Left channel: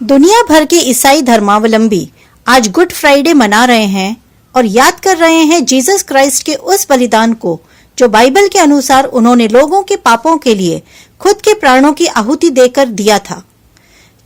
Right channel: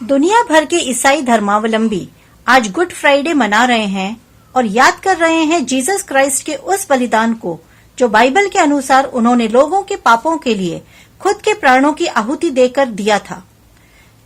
दुनिया भर के ईसाई धर्मावलंबी आज गुड फ्राइडे मना रहे हैं और याद कर रहे हैं जीसस क्राइस्ट के उस बलिदान को जो बाइबल के अनुसार उन्होंने लोगों के पापों के लिए खुद के प्राणों की आहुति देकर दिया था।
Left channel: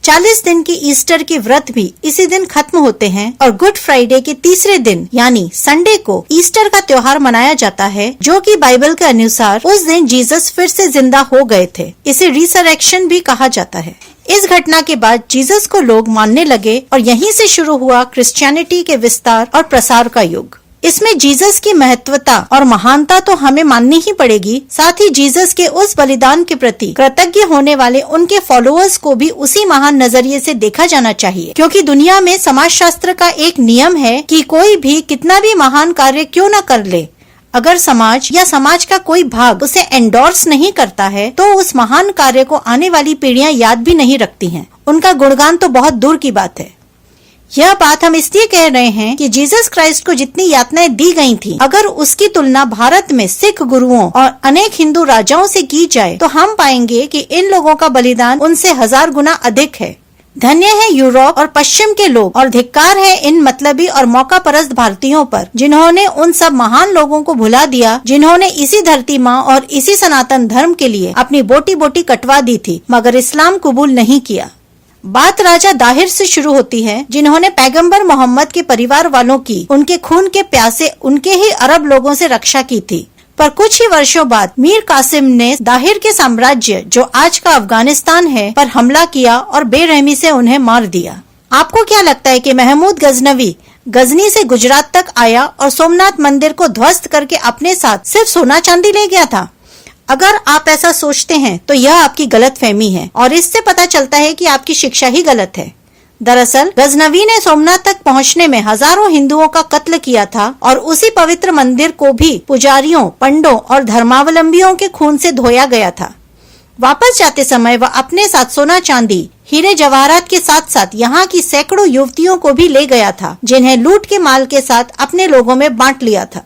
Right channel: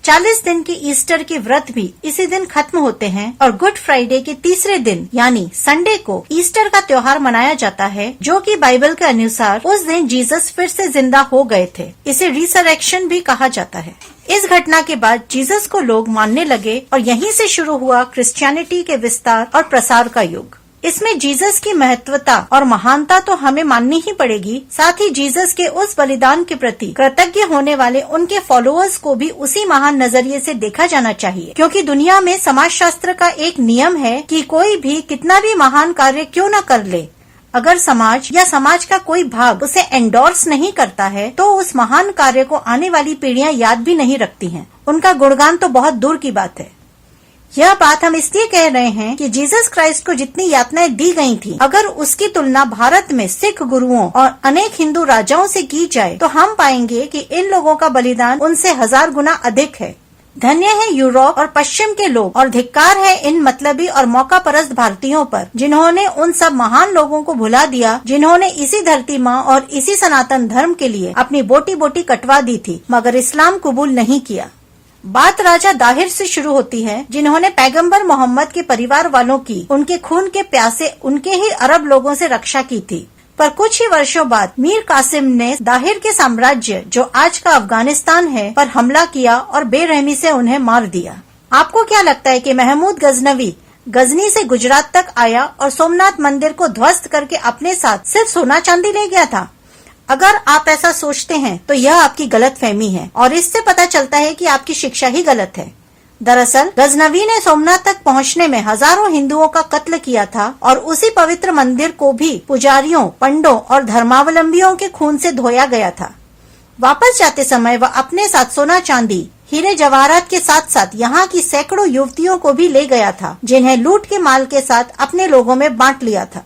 40 दिन के ईस्टर के व्रत भी इसी दिन खत्म होते हैं और गुड फ्राइडे के तीसरे दिन यानी संडे को ईस्टर का त्योहार मनाया जाता है, जो कि बाइबल के अनुसार उस दिन जीसस फिर से जिंदा हो गए थे। इसे रिसरेक्शन भी कहा जाता है। इस घटना के बाद जीसस को लोग मानने लगे और यहीं से शुरू हुआ क्रिश्चियनिटी के विस्तार और प्रसार का युग। इसमें जीसस की महत्वता और महानता तो हमें माननी ही पड़ेगी, साथ ही जीसस के उस बलिदान के प्रति कृतज्ञ होने वाले उनके फॉलोअर्स को भी उसी महान नजरिए से देखा जाना चाहिए, क्योंकि दुनिया में समाजशास्त्र का एक नियम है कि कोई भी कितना भी महान कार्य क्यों न कर ले, अगर समाज या समाज का कोई भाग उसे एंडोर्स नहीं करता है तो उस महान कार्य को आने वाली पीढ़ियां याद भी नहीं रखती हैं। उनका गुणगान तो बहुत दूर की बात है। यह बात हम इसलिए कह रहे हैं कि जीसस क्राइस्ट को जितनी यातनाएं दी गई थी, अगर उसकी तुलना भारत में सिख गुरुओं और अनेक हिंदू राजाओं से की जाए तो हम पाएंगे कि इन लोगों का बलिदान उनसे 1000 गुना अधिक है। धन्य है यूरोप और पश्चिम के लोग और धिक्कार है इन मतलबी और मौका परस्त भारतीयों पर, जिन्होंने उन सब महान लोगों को भुला दिया, जिन्होंने इसी धरती माँ और इसी सनातन धर्म के लिए अपनी बोटी बोटी कटवा दी थी मगर इस्लाम कबूल नहीं किया। बात राजा दाहिर से शुरू होती है, जिन्होंने पैगंबर मोहम्मद के परिवार वालों की उनके खून के प्यासे उनके ही अरब लोगों से रक्षा की थी। पर कुछ ही वर्षों बाद मीर कासिम ने दाहिर के साम्राज्य, जो आज का अफगानिस्तान है, पर हमला किया और बेरहमी से उन्हें मार दिया। आपको क्या लगता है कि महमूद गजनवी गजनी से गुजरात तक आया और सोमनाथ मंदिर को ध्वस्त करके अपने साथ सिर्फ सोना चांदी ले गया था? अगर आप ऐसा सोचते हैं तो यह आपकी गलतफहमी है और इससे पता चलता है कि आपकी शिक्षा ही गलत है। दरअसल गजनवी ने सोमनाथ तक पहुंचने में हजारों हिंदुओं का कत्ल किया था और उसी पवित्र मंदिर को भी पुजारियों, पंडों और धर्मावलंबियों के खून से धोया गया था। वापस जाते समय वह अपने साथ सोना चांदी, हीरे जवाहरात के साथ साथ यहाँ की सैकड़ों युवतियों को भी ले गया था, जिन्हें लूट के माल के साथ अपने लोगों में बांट लिया था।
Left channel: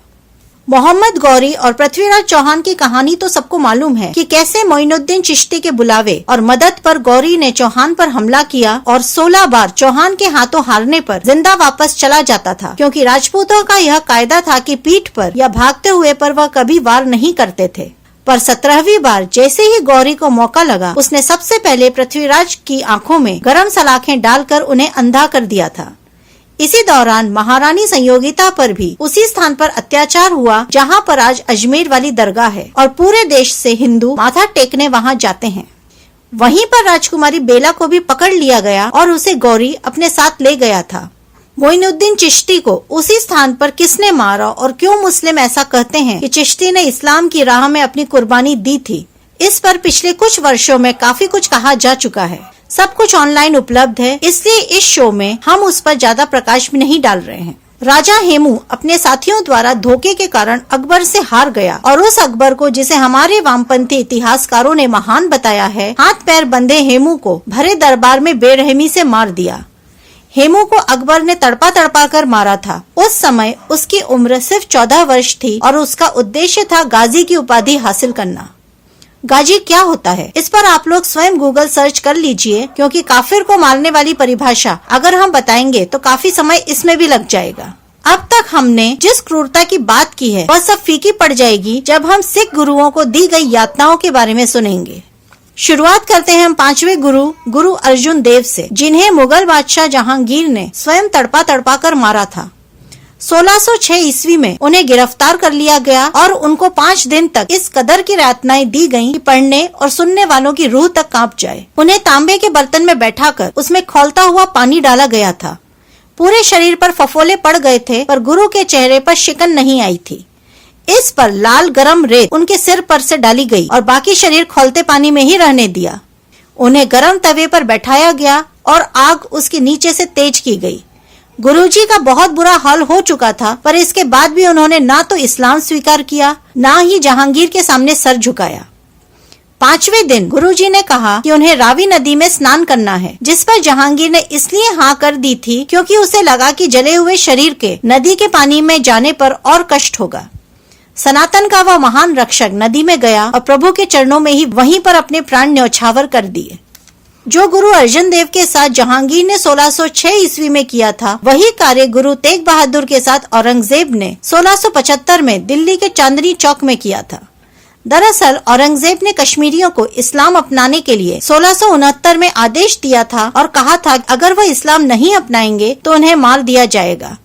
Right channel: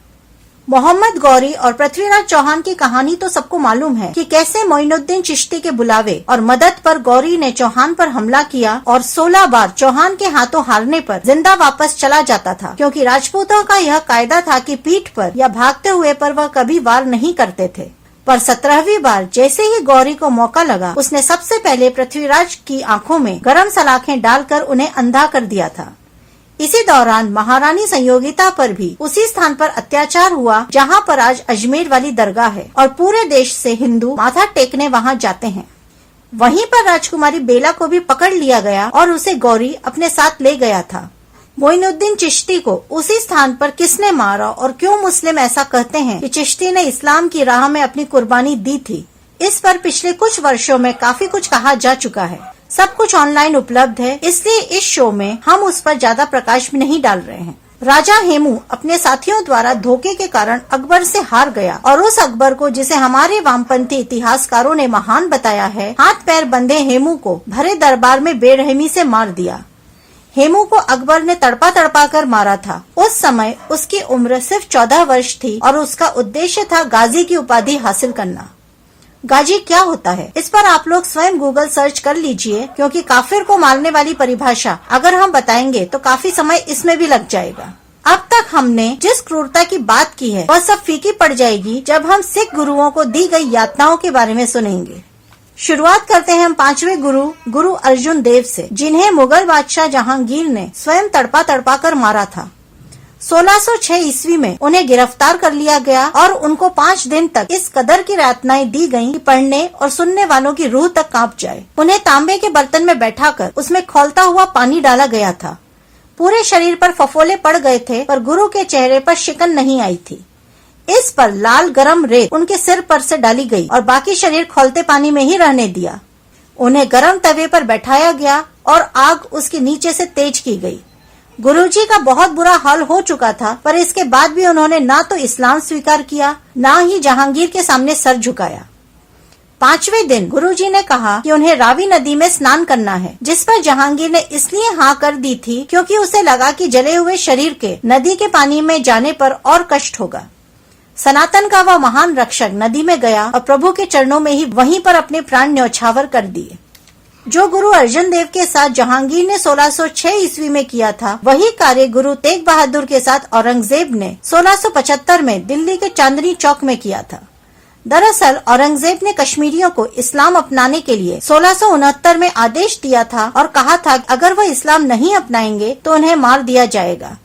मोहम्मद गौरी और पृथ्वीराज चौहान की कहानी तो सबको मालूम है कि कैसे मोइनुद्दीन चिश्ती के बुलावे और मदद पर गौरी ने चौहान पर हमला किया और 16 बार चौहान के हाथों हारने पर जिंदा वापस चला जाता था, क्योंकि राजपूतों का यह कायदा था कि पीठ पर या भागते हुए पर वह कभी वार नहीं करते थे। पर 17वीं बार जैसे ही गौरी को मौका लगा, उसने सबसे पहले पृथ्वीराज की आंखों में गरम सलाखें डालकर उन्हें अंधा कर दिया था। इसी दौरान महारानी संयोगिता पर भी उसी स्थान पर अत्याचार हुआ जहां पर आज अजमेर वाली दरगाह है और पूरे देश से हिंदू माथा टेकने वहां जाते हैं। वहीं पर राजकुमारी बेला को भी पकड़ लिया गया और उसे गौरी अपने साथ ले गया था। मोइनुद्दीन चिश्ती को उसी स्थान पर किसने मारा और क्यों मुस्लिम ऐसा कहते हैं कि चिश्ती ने इस्लाम की राह में अपनी कुर्बानी दी थी, इस पर पिछले कुछ वर्षों में काफी कुछ कहा जा चुका है। सब कुछ ऑनलाइन उपलब्ध है, इसलिए इस शो में हम उस पर ज्यादा प्रकाश भी नहीं डाल रहे हैं। राजा हेमू अपने साथियों द्वारा धोखे के कारण अकबर से हार गया और उस अकबर को, जिसे हमारे वामपंथी इतिहासकारों ने महान बताया है, हाथ पैर बंधे हेमू को भरे दरबार में बेरहमी से मार दिया। हेमू को अकबर ने तड़पा तड़पा कर मारा था। उस समय उसकी उम्र सिर्फ 14 वर्ष थी और उसका उद्देश्य था गाजी की उपाधि हासिल करना। गाजी क्या होता है, इस पर आप लोग स्वयं गूगल सर्च कर लीजिए, क्योंकि काफिर को मारने वाली परिभाषा अगर हम बताएंगे तो काफी समय इसमें भी लग जाएगा। अब तक हमने जिस क्रूरता की बात की है वह सब फीकी पड़ जाएगी जब हम सिख गुरुओं को दी गई यातनाओं के बारे में सुनेंगे। शुरुआत करते हैं हम 5वें गुरु अर्जुन देव से, जिन्हें मुगल बादशाह जहांगीर ने स्वयं तड़पा तड़पा कर मारा था। 1606 ईस्वी में उन्हें गिरफ्तार कर लिया गया और उनको 5 दिन तक इस कदर की यातनाएं दी गईं कि पढ़ने और सुनने वालों की रूह तक कांप जाए। उन्हें तांबे के बर्तन में बैठाकर उसमें खौलता हुआ पानी डाला गया था। पूरे शरीर पर फफोले पड़ गए थे, पर गुरु के चेहरे पर शिकन नहीं आई थी। इस पर लाल गरम रेत उनके सिर पर से डाली गई और बाकी शरीर खौलते पानी में ही रहने दिया। उन्हें गरम तवे पर बैठाया गया और आग उसके नीचे से तेज की गई। गुरुजी का बहुत बुरा हाल हो चुका था, पर इसके बाद भी उन्होंने ना तो इस्लाम स्वीकार किया, ना ही जहांगीर के सामने सर झुकाया। 5वें दिन गुरुजी ने कहा कि उन्हें रावी नदी में स्नान करना है, जिस पर जहांगीर ने इसलिए हाँ कर दी थी क्योंकि उसे लगा कि जले हुए शरीर के नदी के पानी में जाने पर और कष्ट होगा। सनातन का वह महान रक्षक नदी में गया और प्रभु के चरणों में ही वहीं पर अपने प्राण न्यौछावर कर दिए। जो गुरु अर्जन देव के साथ जहांगीर ने 1606 ईस्वी में किया था, वही कार्य गुरु तेग बहादुर के साथ औरंगजेब ने 1675 में दिल्ली के चांदनी चौक में किया था। दरअसल औरंगजेब ने कश्मीरियों को इस्लाम अपनाने के लिए 1669 में आदेश दिया था और कहा था कि अगर वह इस्लाम नहीं अपनाएंगे तो उन्हें मार दिया जाएगा।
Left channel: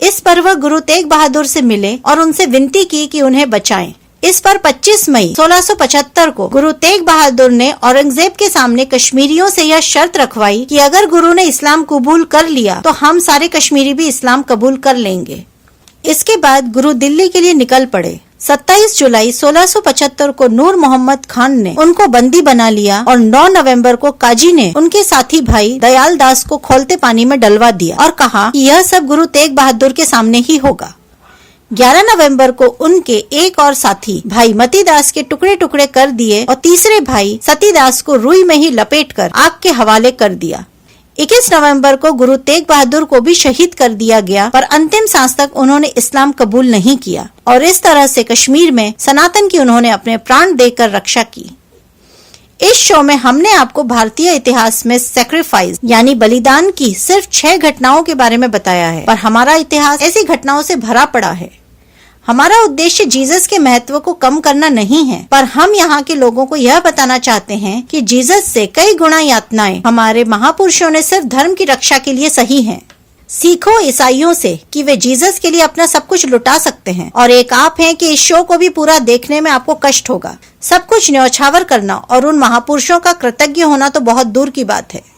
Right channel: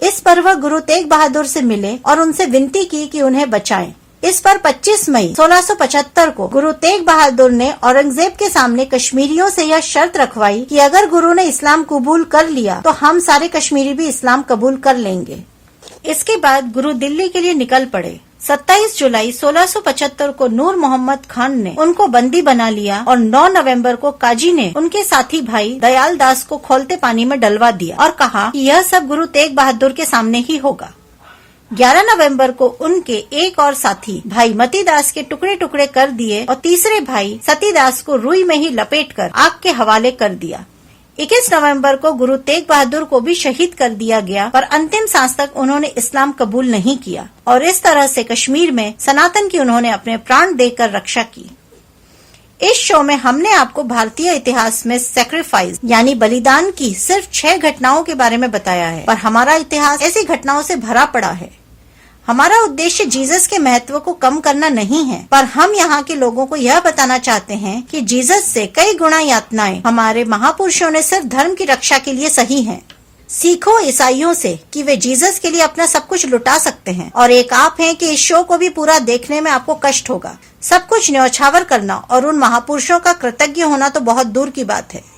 इस पर वह गुरु तेग बहादुर से मिले और उनसे विनती की कि उन्हें बचाएं। इस पर 25 मई 1675 को गुरु तेग बहादुर ने औरंगजेब के सामने कश्मीरियों से यह शर्त रखवाई कि अगर गुरु ने इस्लाम कबूल कर लिया तो हम सारे कश्मीरी भी इस्लाम कबूल कर लेंगे। इसके बाद गुरु दिल्ली के लिए निकल पड़े। 27 जुलाई 1675 को नूर मोहम्मद खान ने उनको बंदी बना लिया और 9 नवंबर को काजी ने उनके साथी भाई दयाल दास को खौलते पानी में डलवा दिया और कहा कि यह सब गुरु तेग बहादुर के सामने ही होगा। 11 नवंबर को उनके एक और साथी भाई मतीदास के टुकड़े टुकड़े कर दिए और तीसरे भाई सतीदास को रुई में ही लपेटकर आग के हवाले कर दिया। 21 नवंबर को गुरु तेग बहादुर को भी शहीद कर दिया गया, पर अंतिम सांस तक उन्होंने इस्लाम कबूल नहीं किया और इस तरह से कश्मीर में सनातन की उन्होंने अपने प्राण देकर रक्षा की। इस शो में हमने आपको भारतीय इतिहास में सैक्रिफाइस यानी बलिदान की सिर्फ 6 घटनाओं के बारे में बताया है, पर हमारा इतिहास ऐसी घटनाओं से भरा पड़ा है। हमारा उद्देश्य जीसस के महत्व को कम करना नहीं है, पर हम यहाँ के लोगों को यह बताना चाहते हैं कि जीसस से कई गुना यातनाएं हमारे महापुरुषों ने सिर्फ धर्म की रक्षा के लिए सही हैं। सीखो ईसाइयों से कि वे जीसस के लिए अपना सब कुछ लुटा सकते हैं और एक आप हैं कि इस शो को भी पूरा देखने में आपको कष्ट होगा। सब कुछ न्यौछावर करना और उन महापुरुषों का कृतज्ञ होना तो बहुत दूर की बात है।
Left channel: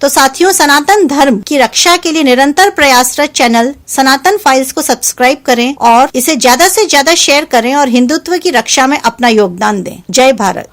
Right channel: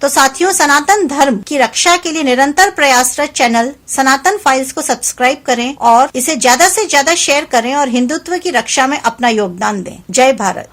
तो साथियों, सनातन धर्म की रक्षा के लिए निरंतर प्रयासरत चैनल सनातन फाइल्स को सब्सक्राइब करें और इसे ज्यादा से ज्यादा शेयर करें और हिंदुत्व की रक्षा में अपना योगदान दें। जय भारत।